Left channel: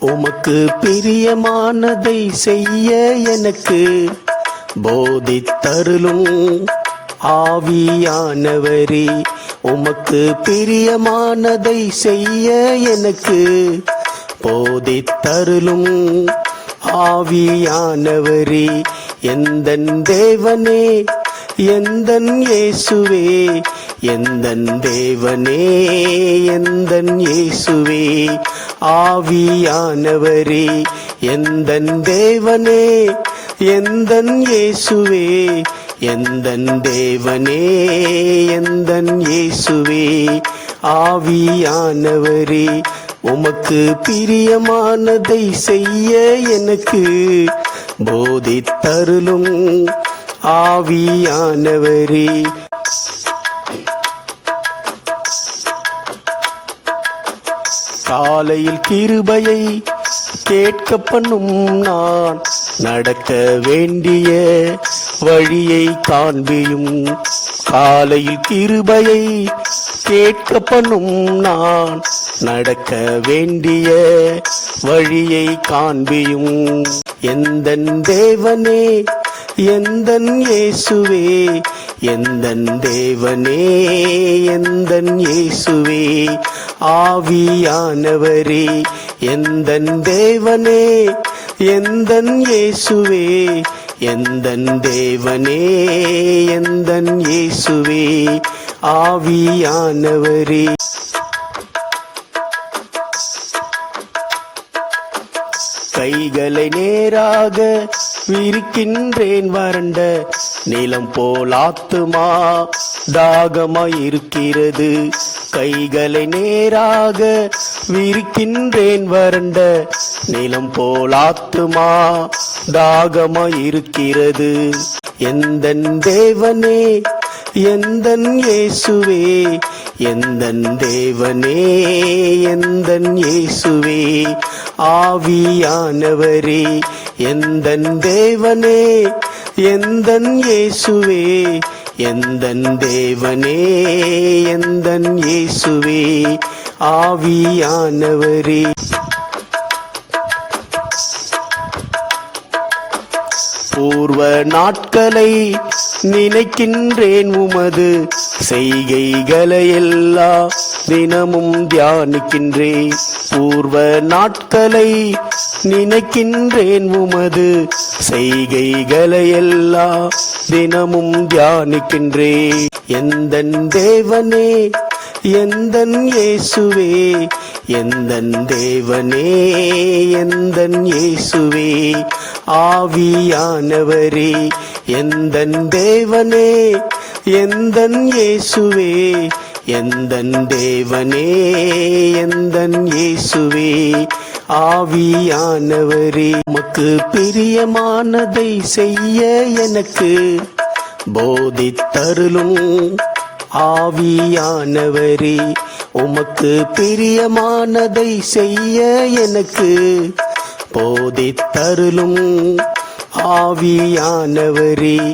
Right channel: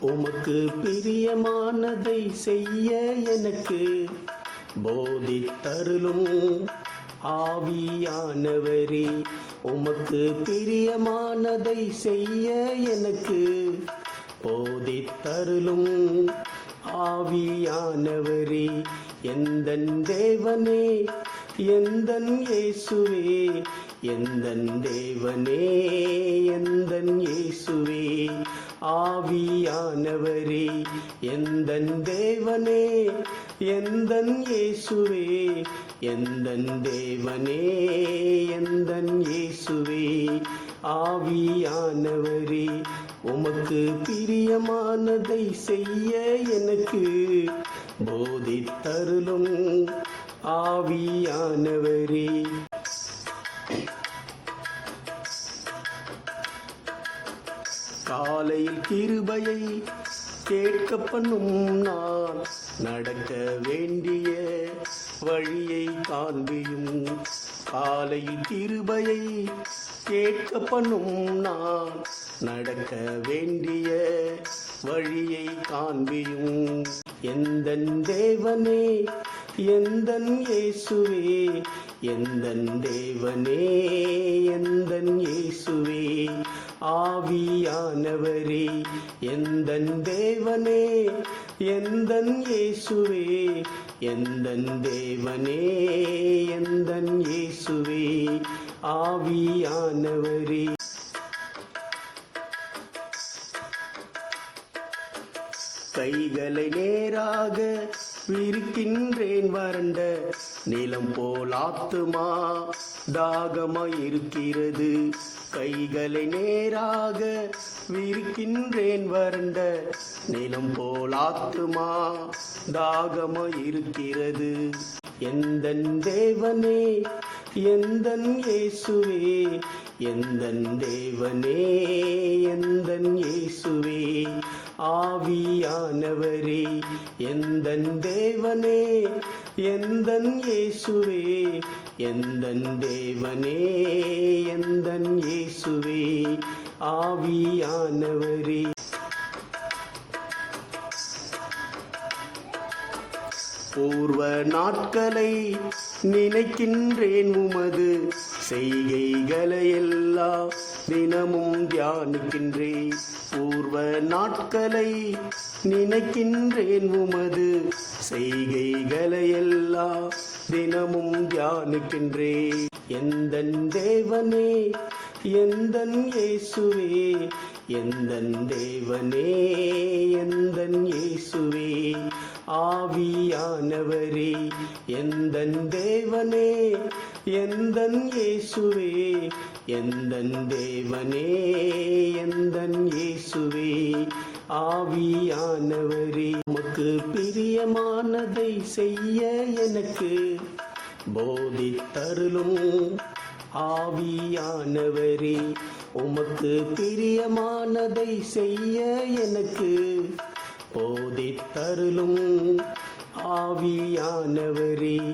உமக்கு பிரியமானதை செய்ய எனக்கு போதித்தருளும் ஆவியானவரே. உமக்கு பிரியமானதை செய்ய எனக்கு போதித்தருளும் ஆவியானவரே. எந்தன் தேவனே எந்தன் இயேசுவே எந்தன் தேவனே எந்தன் இயேசுவே ஆவியானவரே எந்தன் தேவனே எந்தன் இயேசுவே எந்தன் தேவனே எந்தன் இயேசுவே ஆவியானவரே உமக்கு பிரியமானதை செய்ய எனக்கு போதித்தருளும். ஆவியானவரே. காலையில் கிருபையை கேட்க பண்ணும் நான் நடக்க வேண்டிய வழியை காண்பியும் காலையில் கிருபையை கேட்க பண்ணும் நான் நடக்க வேண்டிய வழியை காண்பியும் எந்த தேவனே எந்தன் இயேசுவே எந்தன் தேவனே எந்தன் இயேசுவே ஆவியானவரே எந்தன் தேவனே எந்தன் இயேசுவே எந்தன் தேவனே எந்தன் இயேசுவே ஆவியானவரே. கைகளை நேராக விரிக்கின்றேன் வறண்ட நிலம் போல் ஆத்துமா. தாகமாயிருக்கிறது. கைகளை நேராக விரிக்கின்றேன் வறண்ட நிலம் போல் ஆத்துமா. தாகமாயிருக்கிறது. எந்தன் தேவனே எந்தன் இயேசுவே எந்தன் தேவனே எந்தன் இயேசுவே ஆவியானவரே எந்தன் தேவனே எந்தன் இயேசுவே எந்தன் தேவனே எந்தன் இயேசுவே ஆவியானவரே. பூர்வ நாட்களை நினைக்கின்றேன் உமது செய்கைகளை எல்லாம் தினமும் தியானிக்கின்றேன். பூர்வ நாட்களை நினைக்கின்றேன் உமது செய்கைகளை எல்லாம் தினமும் தியானிக்கின்றேன். எந்த தேவனே எந்த இயேசுவே எந்த தேவனே எந்த இயேசுவே ஆவியானவரே எந்த தேவனே எந்தன் இயேசுவே எந்தன் தேவனே எந்தன் இயேசுவே. ஆவியானவரே உமக்கு பிரியமானதை செய்ய எனக்கு போதித்தருளும். ஆவியானவரே உமக்கு பிரியமானதை செய்ய எனக்கு போதித்தருளும். ஆவியானவரே